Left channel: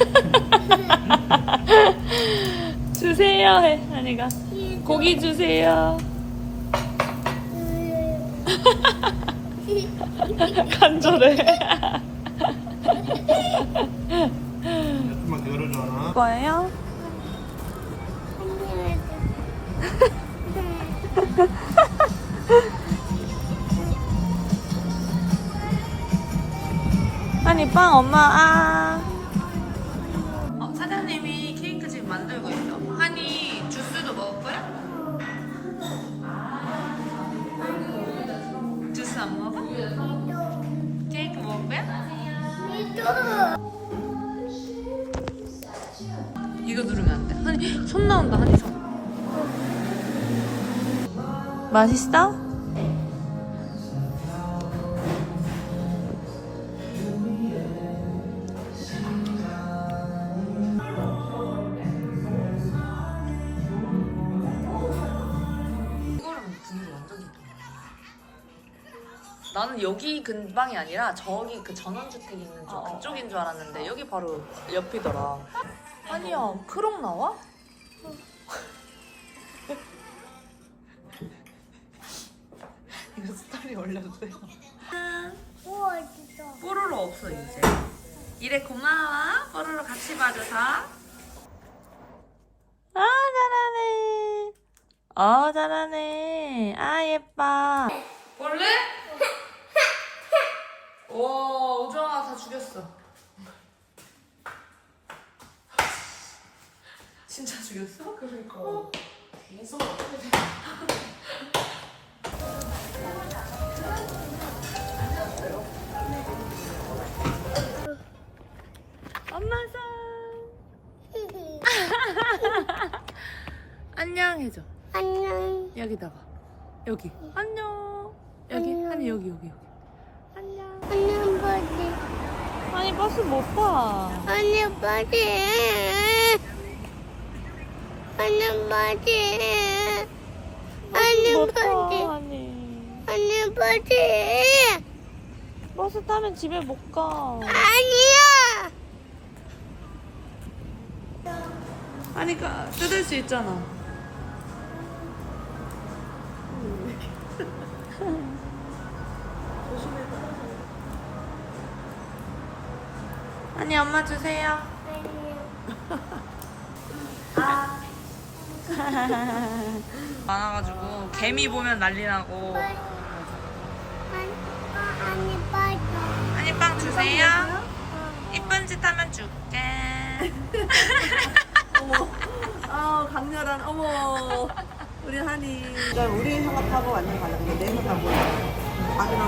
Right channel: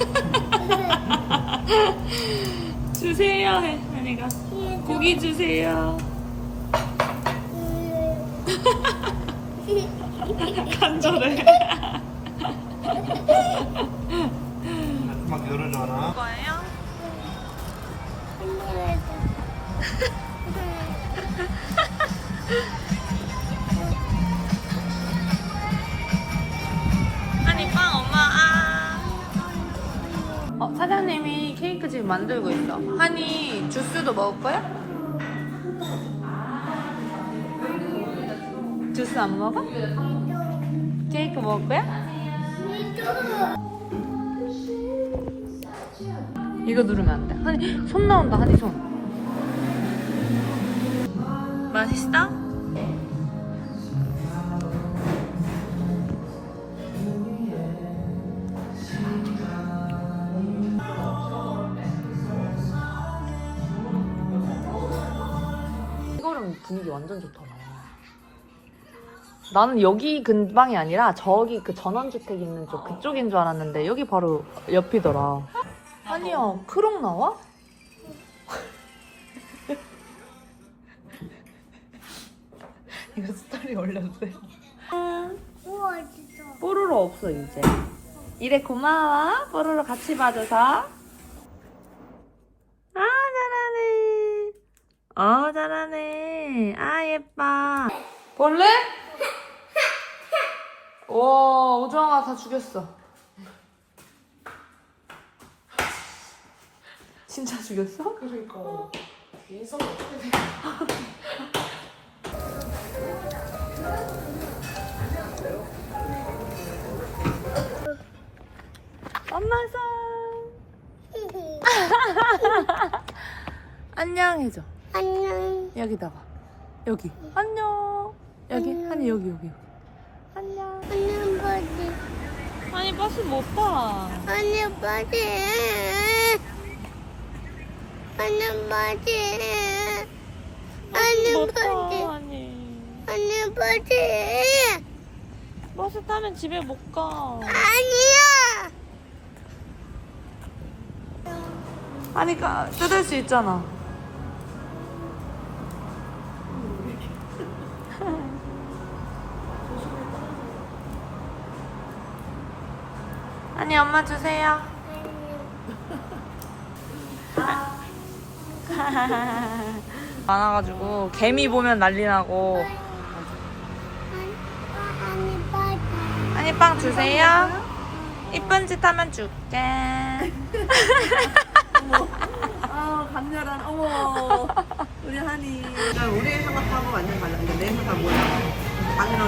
주세요 해 한이가. 고기 주세요. 간절해. 막 열어줘라. 거예요? 한이 빵 엄마 아. 어, 사장님이 케이크 지금 만들고 있어 한이 주스도 먹을 거야? 주스 안 먹어? 케이크 먹을 거야? 이거 누르면 안 돼. 한이 손 나온다. 한이 손. 맛있어? 분위기 완전 좋다. 나는 여기 근방이 아니라 저기 그 전원주택 있는 쪽 그쪽인 줄 알았는데 여기 바로 옆이더라. 아니야, 프롱 나와? 이거 스타일이 원래인데. 우와 진짜. 뽀로로 없어 이제. 이래 고마워. 뽀로로 같이 봐줘서. 아 잘하네. 아 잘하네. 아 예뻐. 볼래? 와 오정아 다 죽였어. 진짜 죽였어? 그러니까. 인성 엄마 상. 안녕 해줘. 안녕. 여기다가 여기 안녕. 여기 안녕. 아니 여기 여기 여기. 안녕. 안녕 바지. 아니 버스 못 봐. 안녕 바지. 안녕 바지. 안녕. 아니. 안녕 바지. 버스 타면 집에 못 가. 아니야. 아니 까 뜯을 수 있잖아. 아니 엄마 주세요. 많아가지고 개미 보면 난리 나고. 아니 빵 주세요. 이쁜 짓 하면 줄게. 아 강렬한 어머 우리 한이 우리 생각하고 완전 달랐는데 내 생각 뭐야 강